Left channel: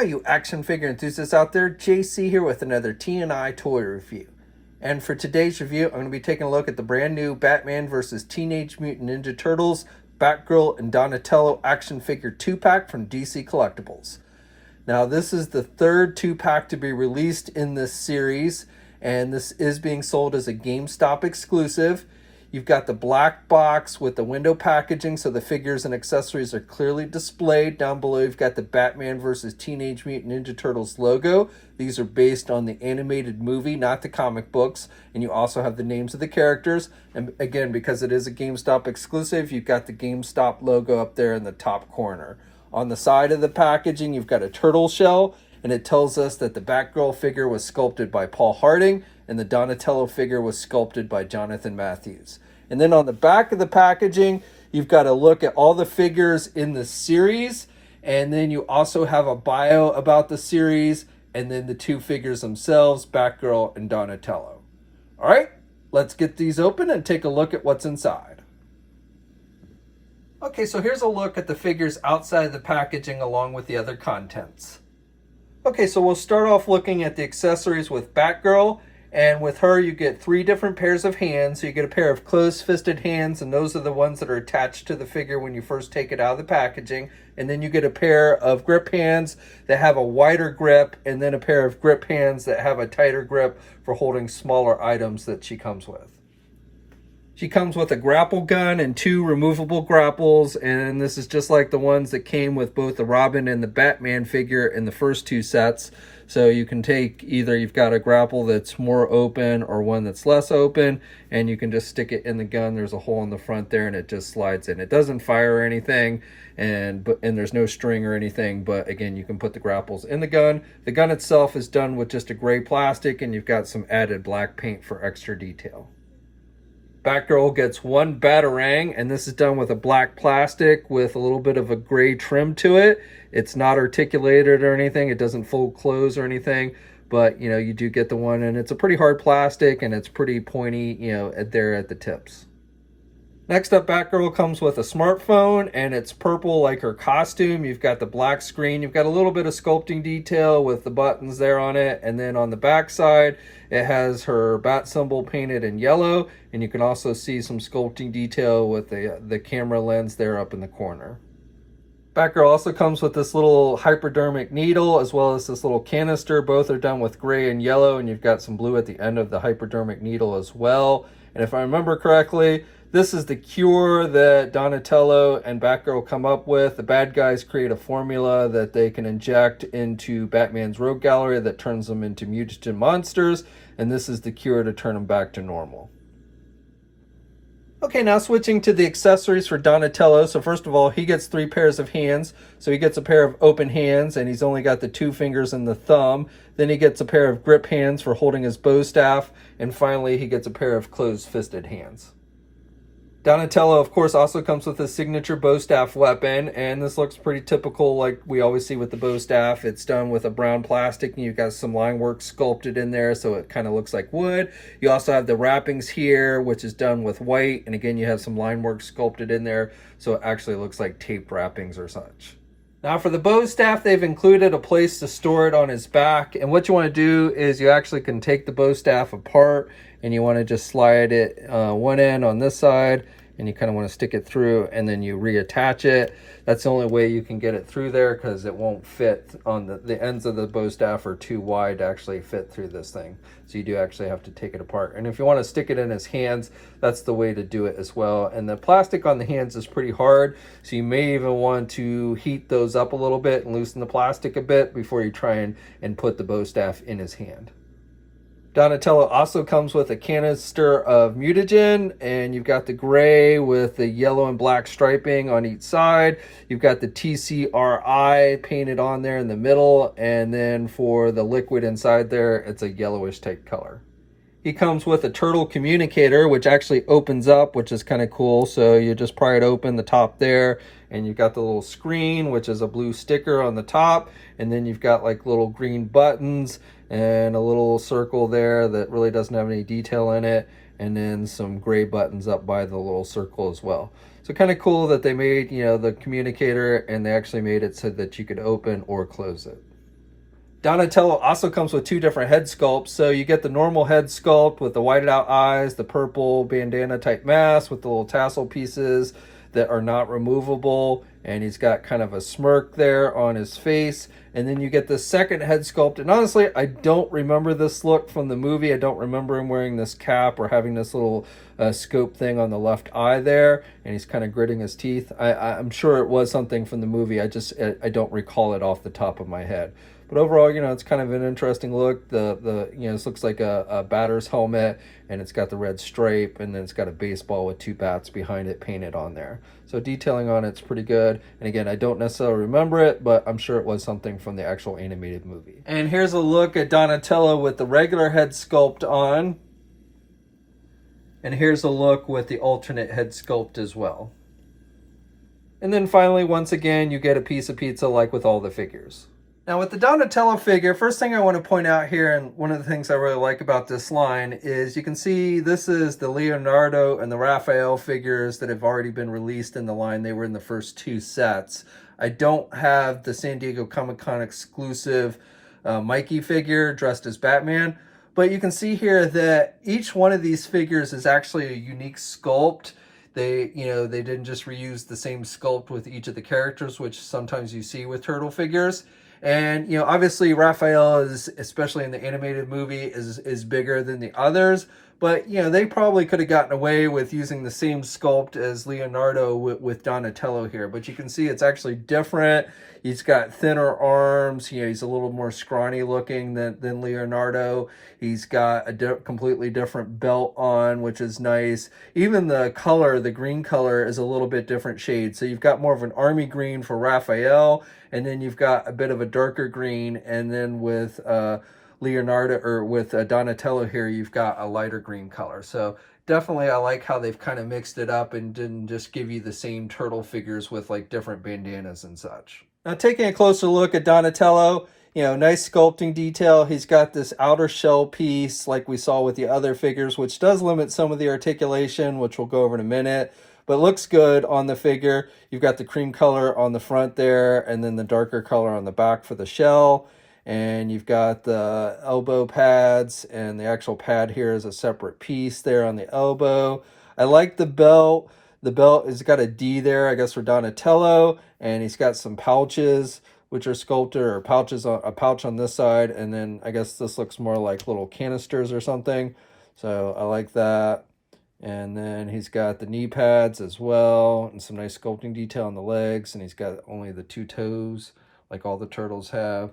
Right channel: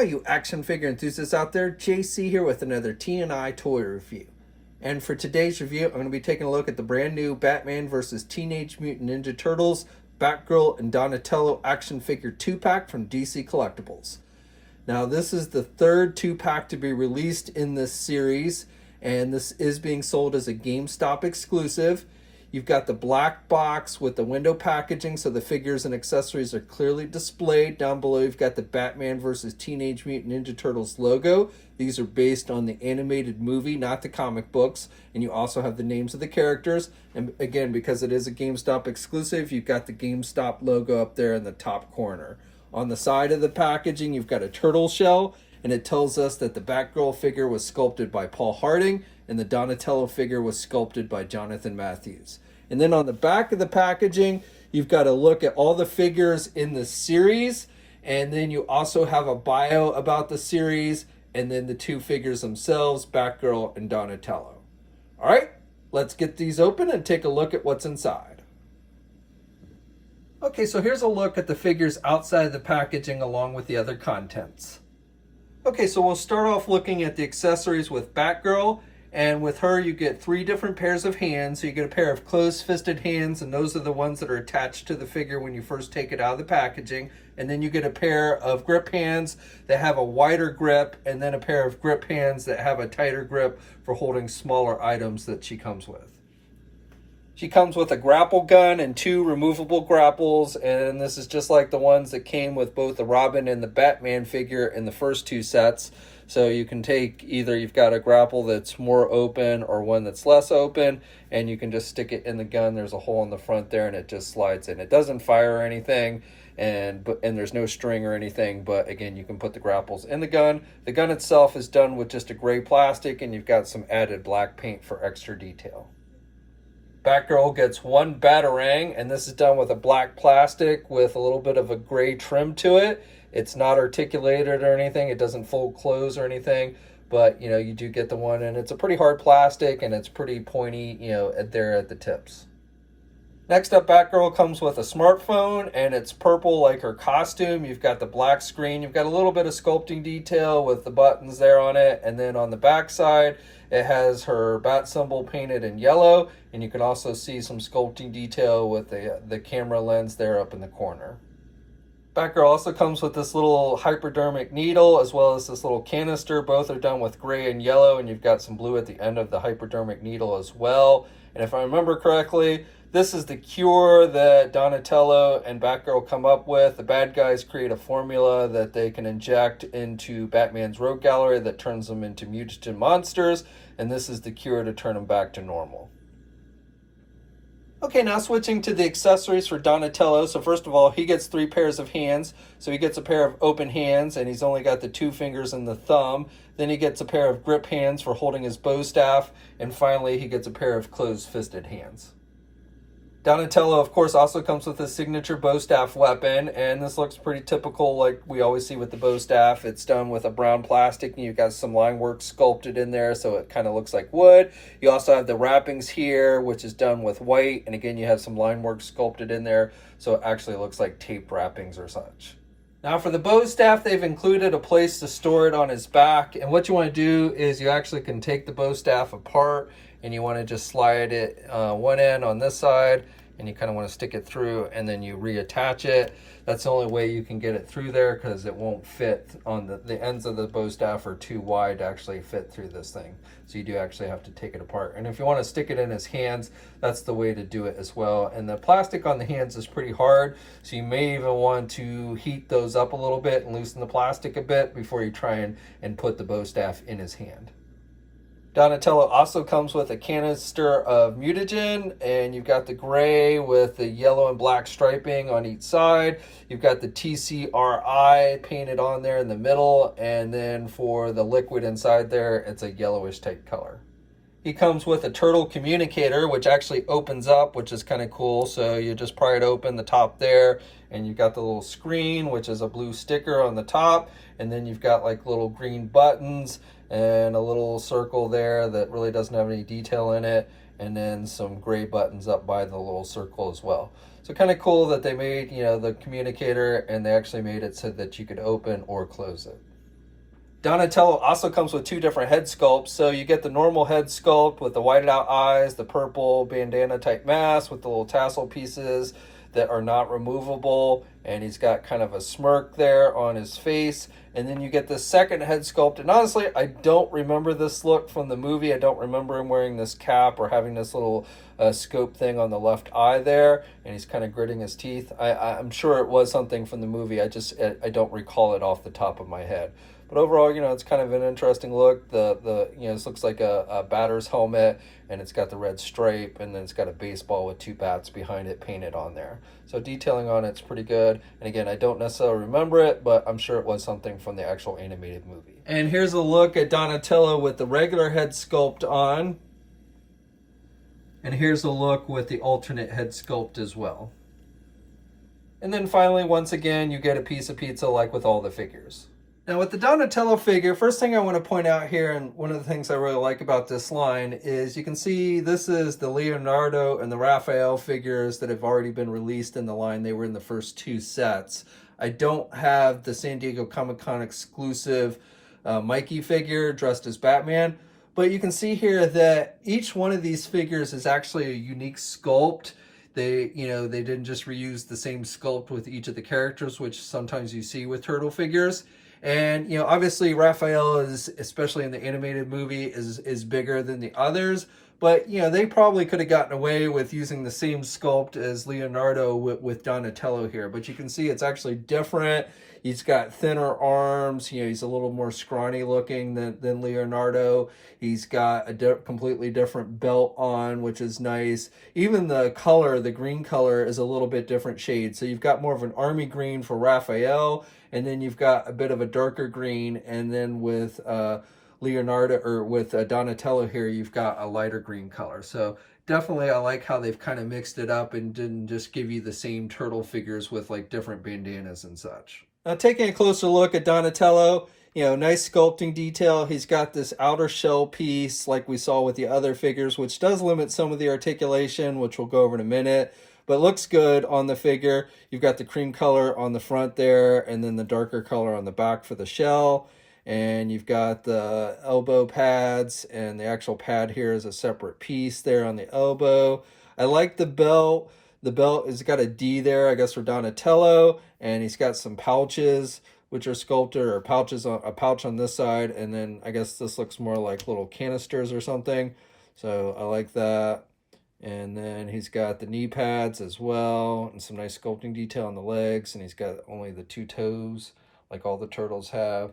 Hi, you action figure enthusiasts out there. JC here with another TNI toy review. And for today's review, I'm going to be taking a look at the brand new Batman vs. Teenage Mutant Ninja Turtles, Batgirl, and Donatello action figure 2-pack from DC Collectibles. Now, this is the third 2-pack to be released in this series, and this is being sold as a GameStop exclusive. You've got the black box with the window packaging, so the figures and accessories are clearly displayed. Down below, you've got the Batman vs. Teenage Mutant Ninja Turtles logo. These are based on the animated movie, not the comic books. And you also have the names of the characters. And again, because it is a GameStop exclusive, you've got the GameStop logo up there in the top corner. On the side of the packaging, you've got a turtle shell, and it tells us that the Batgirl figure was sculpted by Paul Harding, and the Donatello figure was sculpted by Jonathan Matthews. And then on the back of the packaging, you've got a look at all the figures in the series, and then you also have a bio about the series, and then the two figures themselves, Batgirl and Donatello. All right, let's get these open and take a look at what's inside. Okay, so here's a look at the figures outside of the packaging along with the other contents. Okay, so we'll start off looking at the accessories with Batgirl. And with her, you get 3 different pairs of hands. So you get a pair of closed-fisted hands, and those are the ones that are attached to the figure when you first take it out of the packaging. And then you get a pair of grip hands that have a wider grip, and then a pair of grip hands that have a tighter grip for holding smaller items that she comes with. She comes with a grapple gun and 2 removable grapples, and this is just like the ones that came with both the Robin and the Batman figure in the first 2 sets. So you can take either you've got a grapple that's more open or one that's less open, and you can just stick it in the gun. There's a hole in the front there, and it just slides in. It doesn't fire or anything, and there's no string or anything, but again, you can put the grapples in the gun. The gun itself is done with just a gray plastic, and you've got some added black paint for extra detail. Batgirl gets 1 Batarang, and this is done with a black plastic with a little bit of a gray trim to it. It's not articulated or anything. It doesn't fold close or anything, but you do get the one, and it's a pretty hard plastic, and it's pretty pointy, there at the tips. Next up, Batgirl comes with a smartphone, and it's purple like her costume. You've got the black screen. You've got a little bit of sculpting detail with the buttons there on it, and then on the back side, it has her bat symbol painted in yellow, and you can also see some sculpting detail with the camera lens there up in the corner. Batgirl also comes with this little hypodermic needle as well as this little canister. Both are done with gray and yellow, and you've got some blue at the end of the hypodermic needle as well. And if I remember correctly, this is the cure that Donatello and Batgirl come up with. The bad guys create a formula that they can inject into Batman's rogue gallery that turns them into mutant monsters, and this is the cure to turn them back to normal. Okay, now switching to the accessories for Donatello. So first of all, he gets 3 pairs of hands. So he gets a pair of open hands, and he's only got the 2 fingers and the thumb. Then he gets a pair of grip hands for holding his bow staff. And finally, he gets a pair of closed-fisted hands. Donatello, of course, also comes with his signature bow staff weapon, and this looks pretty typical like we always see with the bow staff. It's done with a brown plastic, and you've got some line work sculpted in there, so it kind of looks like wood. You also have the wrappings here, which is done with white, and again, you have some line work sculpted in there, so it actually looks like tape wrappings or such. Now for the bow staff, they've included a place to store it on his back, and what you want to do is you actually can take the bow staff apart, and you want to just slide it one end on this side, and you kind of want to stick it through, and then you reattach it. That's the only way you can get it through there, because it won't fit on the ends of the bow staff are too wide to actually fit through this thing. So you do actually have to take it apart. And if you want to stick it in his hands, that's the way to do it as well. And the plastic on the hands is pretty hard, so you may even want to heat those up a little bit and loosen the plastic a bit before you try and put the bow staff in his hand. Donatello also comes with a canister of mutagen, and you've got the gray with the yellow and black striping on each side. You've got the TCRI painted on there in the middle, and then for the liquid inside there, it's a yellowish type color. He comes with a turtle communicator, which actually opens up, which is kind of cool. So you just pry it open, the top there, and you've got the little screen, which is a blue sticker on the top. And then you've got like little green buttons and a little circle there that really doesn't have any detail in it. And then some gray buttons up by the little circle as well. So kind of cool that they made, the communicator, and they actually made it so that you could open or close it. Donatello also comes with two different head sculpts. So you get the normal head sculpt with the whited out eyes, the purple bandana type mask with the little tassel pieces that are not removable, and he's got kind of a smirk there on his face. And then you get the second head sculpt, and honestly I don't remember this look from the movie. I don't remember him wearing this cap or having this little scope thing on the left eye there, and he's kind of gritting his teeth. I'm sure it was something from the movie. I don't recall it off the top of my head. But overall, it's kind of an interesting look. This looks like a batter's helmet, and it's got the red stripe, and then it's got a baseball with two bats behind it painted on there. So detailing on it's pretty good. And again, I don't necessarily remember it, but I'm sure it was something from the actual animated movie. And here's a look at Donatello with the regular head sculpt on. And here's a look with the alternate head sculpt as well. And then finally, once again, you get a piece of pizza like with all the figures. Now with the Donatello figure, first thing I want to point out here, and one of the things I really like about this line, is you can see this is the Leonardo and the Raphael figures that have already been released in the line. They were in the first two sets. I don't have the San Diego Comic-Con exclusive Mikey figure dressed as Batman, but you can see here that each one of these figures is actually a unique sculpt. They didn't just reuse the same sculpt with each of the characters, which sometimes you see with turtle figures. And obviously Raphael is, especially in the animated movie, is bigger than the others, but they probably could have gotten away with using the same sculpt as Leonardo with Donatello here. But you can see it's actually different. He's got thinner arms. He's a little more scrawny looking than Leonardo. He's got a completely different belt on, which is nice. Even the color, the green color, is a little bit different shade. So you've got more of an army green for Raphael, and then you've got a bit of a darker green, and then with Leonardo, or with Donatello here, you've got a lighter green color. So definitely I like how they've kind of mixed it up and didn't just give you the same turtle figures with like different bandanas and such. Now taking a closer look at Donatello, nice sculpting detail. He's got this outer shell piece like we saw with the other figures, which does limit some of the articulation, which we'll go over in a minute, but it looks good on the figure. You've got the cream color on the front there, and then the darker color on the back for the shell. And you've got the elbow pads, and the actual pad here is a separate piece there on the elbow. I like the belt. The belt has got a D there, I guess, for Donatello, and he's got some pouches, which are sculpted, or pouches on a pouch on this side, and then I guess this looks more like little canisters or something. So I like that. And then he's got the knee pads as well, and some nice sculpting detail on the legs, and he's got only the two toes like all the turtles have.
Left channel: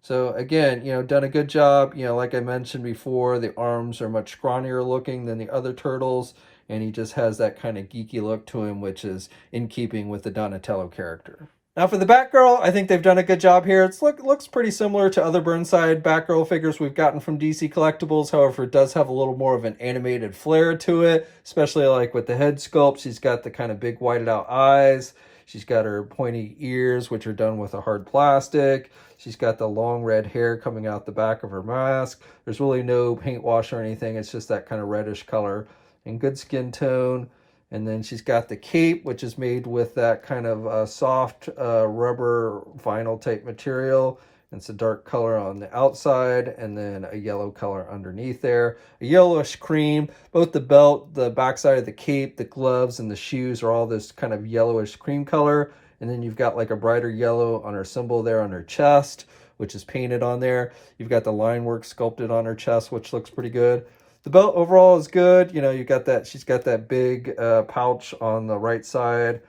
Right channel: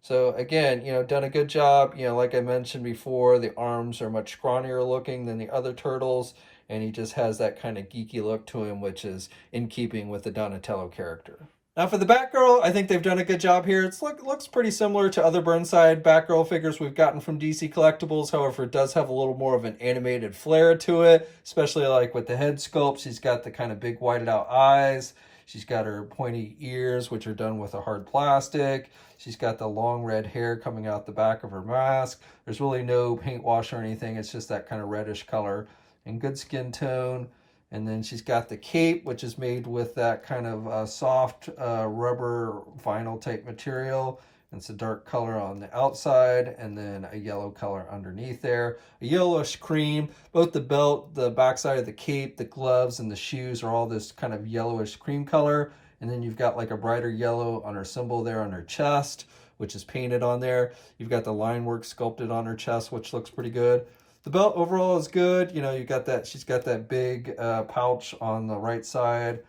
So again, done a good job. Like I mentioned before, the arms are much scrawnier looking than the other turtles, and he just has that kind of geeky look to him, which is in keeping with the Donatello character. Now for the Batgirl, I think they've done a good job here. It looks pretty similar to other Burnside Batgirl figures we've gotten from DC Collectibles. However, it does have a little more of an animated flair to it, especially like with the head sculpt. She's got the kind of big whited out eyes. She's got her pointy ears, which are done with a hard plastic. She's got the long red hair coming out the back of her mask. There's really no paint wash or anything. It's just that kind of reddish color and good skin tone. And then she's got the cape, which is made with that kind of soft rubber vinyl type material. It's a dark color on the outside, and then a yellow color underneath there. A yellowish cream. Both the belt, the backside of the cape, the gloves, and the shoes are all this kind of yellowish cream color. And then you've got like a brighter yellow on her symbol there on her chest, which is painted on there. You've got the line work sculpted on her chest, which looks pretty good. The belt overall is good. You got that, she's got that big pouch on the right side,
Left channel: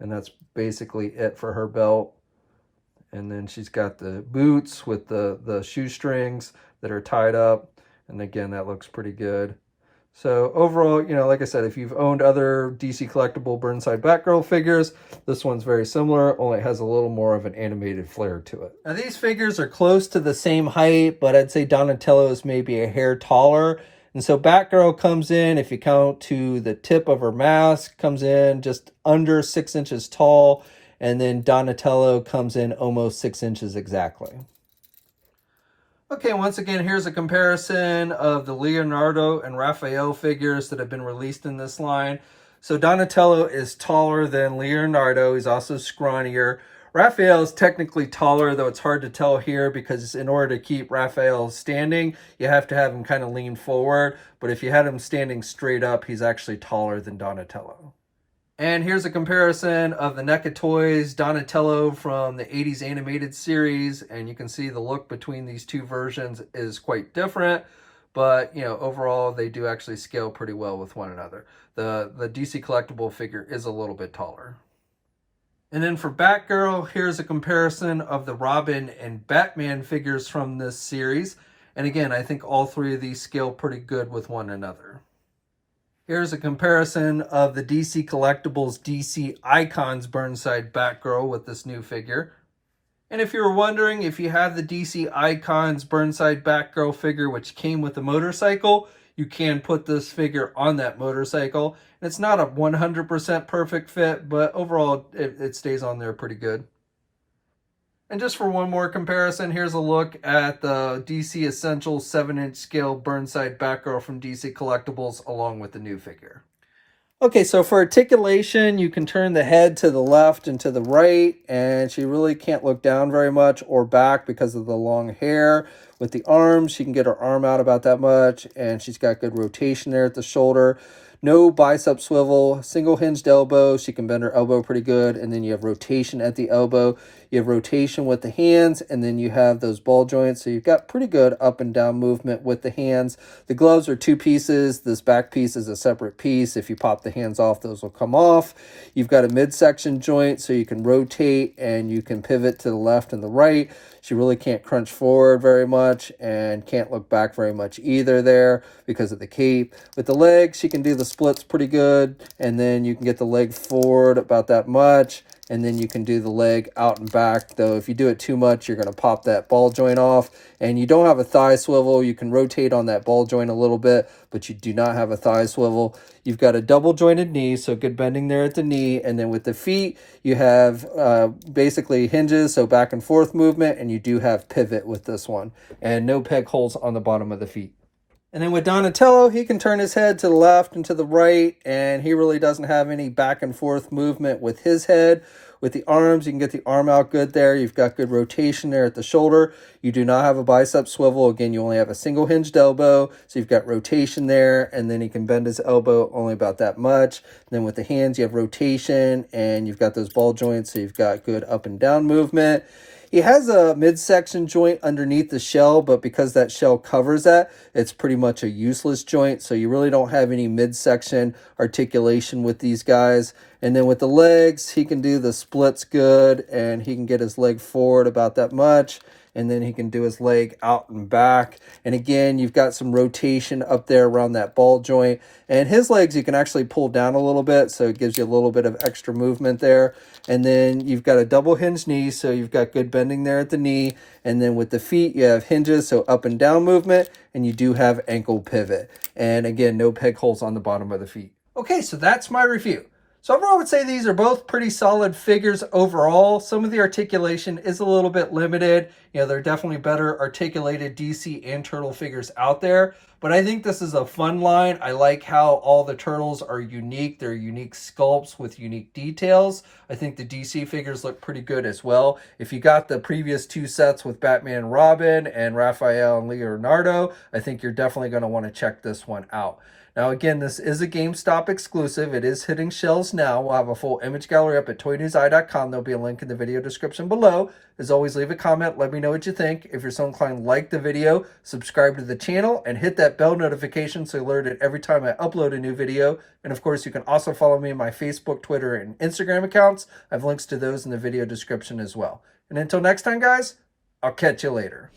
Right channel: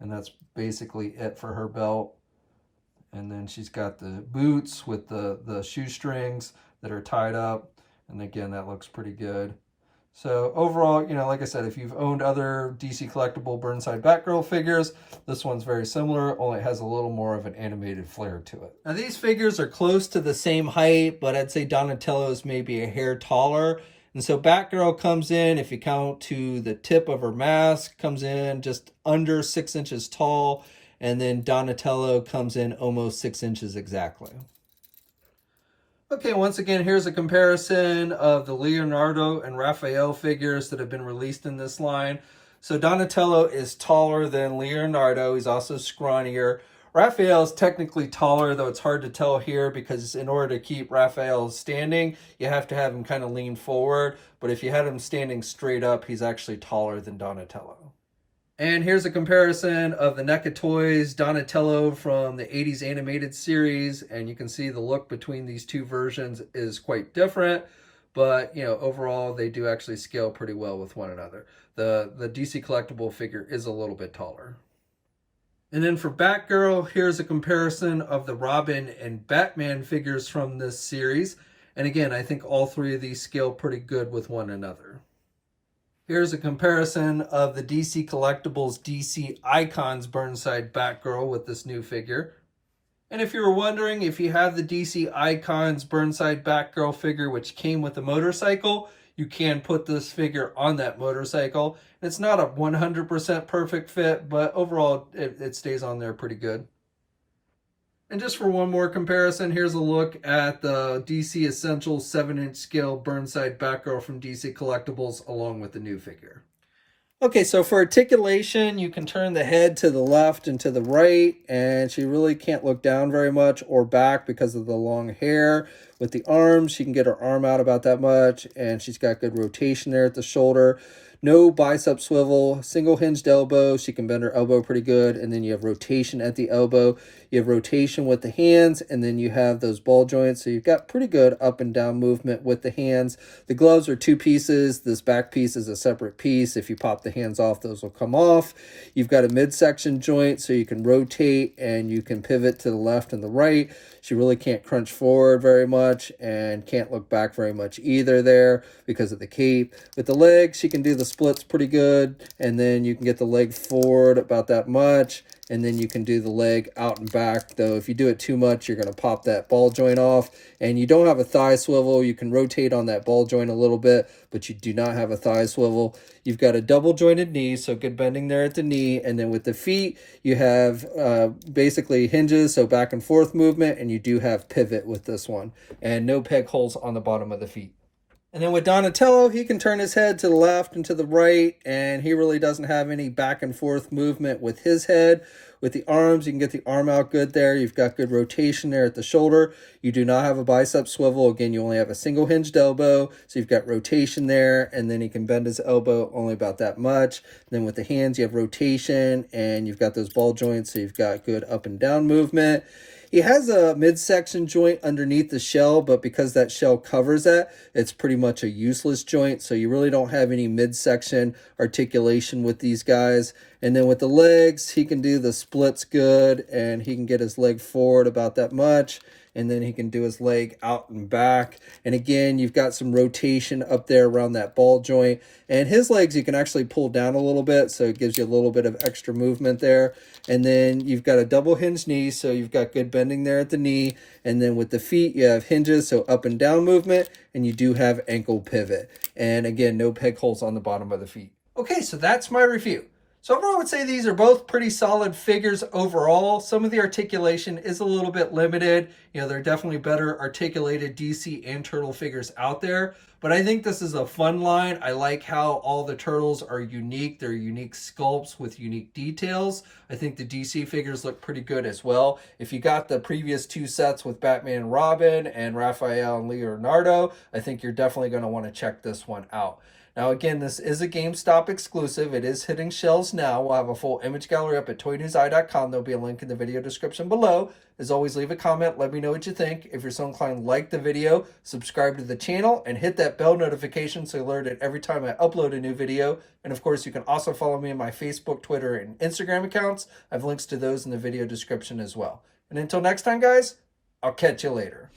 and that's basically it for her belt. And then she's got the boots with the shoestrings that are tied up. And again, that looks pretty good. So overall, like I said, if you've owned other DC Collectible Burnside Batgirl figures, this one's very similar, only it has a little more of an animated flair to it. Now these figures are close to the same height, but I'd say Donatello is maybe a hair taller. And so Batgirl comes in, if you count to the tip of her mask, comes in just under 6 inches tall. And then Donatello comes in almost 6 inches exactly. Okay, once again, here's a comparison of the Leonardo and Raphael figures that have been released in this line. So Donatello is taller than Leonardo. He's also scrawnier. Raphael's technically taller, though it's hard to tell here because in order to keep Raphael standing, you have to have him kind of lean forward. But if you had him standing straight up, he's actually taller than Donatello. And here's a comparison of the NECA Toys Donatello from the 80s animated series. And you can see the look between these two versions is quite different. But, you know, overall, they do actually scale pretty well with one another. The DC Collectible figure is a little bit taller. And then for Batgirl, here's a comparison of the Robin and Batman figures from this series. And again, I think all three of these scale pretty good with one another. Here's a comparison of the DC Collectibles DC Icons Burnside Batgirl with this new figure. And if you were wondering, if you have the DC Icons Burnside Batgirl figure, which came with the motorcycle, you can put this figure on that motorcycle. And it's not a 100% perfect fit, but overall it stays on there pretty good. And just for one more comparison, here's a look at the DC Essentials 7-inch scale Burnside Batgirl from DC Collectibles along with the new figure. Okay, so for articulation, you can turn the head to the left and to the right, and she really can't look down very much or back because of the long hair. With the arms, she can get her arm out about that much, and she's got good rotation there at the shoulder. No bicep swivel, single hinged elbow. She can bend her elbow pretty good, and then you have rotation at the elbow. You have rotation with the hands, and then you have those ball joints. So you've got pretty good up and down movement with the hands. The gloves are two pieces. This back piece is a separate piece. If you pop the hands off, those will come off. You've got a midsection joint, so you can rotate and you can pivot to the left and the right. She really can't crunch forward very much and can't look back very much either there because of the cape. With the legs, she can do the splits pretty good, and then you can get the leg forward about that much, and then you can do the leg out and back. Though if you do it too much, you're going to pop that ball joint off. And you don't have a thigh swivel. You can rotate on that ball joint a little bit, but you do not have a thigh swivel. You've got a double jointed knee, so good bending there at the knee. And then with the feet, you have basically hinges, so back and forth movement, and you do have pivot with this one. And no peg holes on the bottom of the feet. And then with Donatello, he can turn his head to the left and to the right, and he really doesn't have any back and forth movement with his head. With the arms, you can get the arm out good there. You've got good rotation there at the shoulder. You do not have a bicep swivel. Again, you only have a single hinged elbow, so you've got rotation there, and then he can bend his elbow only about that much. And then with the hands, you have rotation, and you've got those ball joints, so you've got good up and down movement. He has a midsection joint underneath the shell, but because that shell covers that, it's pretty much a useless joint. So you really don't have any midsection articulation with these guys. And then with the legs, he can do the splits good, and he can get his leg forward about that much. And then he can do his leg out and back. And again, you've got some rotation up there around that ball joint. And his legs, you can actually pull down a little bit, so it gives you a little bit of extra movement there. And then you've got a double hinge knee, so you've got good bending there at the knee. And then with the feet, you have hinges, so up and down movement. And you do have ankle pivot. And again, no peg holes on the bottom of the feet. Okay, so that's my review. So overall, I would say these are both pretty solid figures overall. Some of the articulation is a little bit limited. You know, there are definitely better articulated DC and Turtle figures out there. But I think this is a fun line. I like how all the Turtles are unique. They're unique sculpts with unique details. I think the DC figures look pretty good as well. If you got the previous two sets with Batman and Robin and Raphael and Leonardo, I think you're definitely going to want to check this one out. Now, again, this is a GameStop exclusive. It is hitting shelves now. We'll have a full image gallery up at toynewseye.com. There'll be a link in the video description below. As always, leave a comment. Let me know what you think. If you're so inclined, like the video, subscribe to the channel, and hit that bell notification so you're alerted every time I upload a new video. And of course, you can also follow me on my Facebook, Twitter, and Instagram accounts. I have links to those in the video description as well. And until next time, guys, I'll catch you later.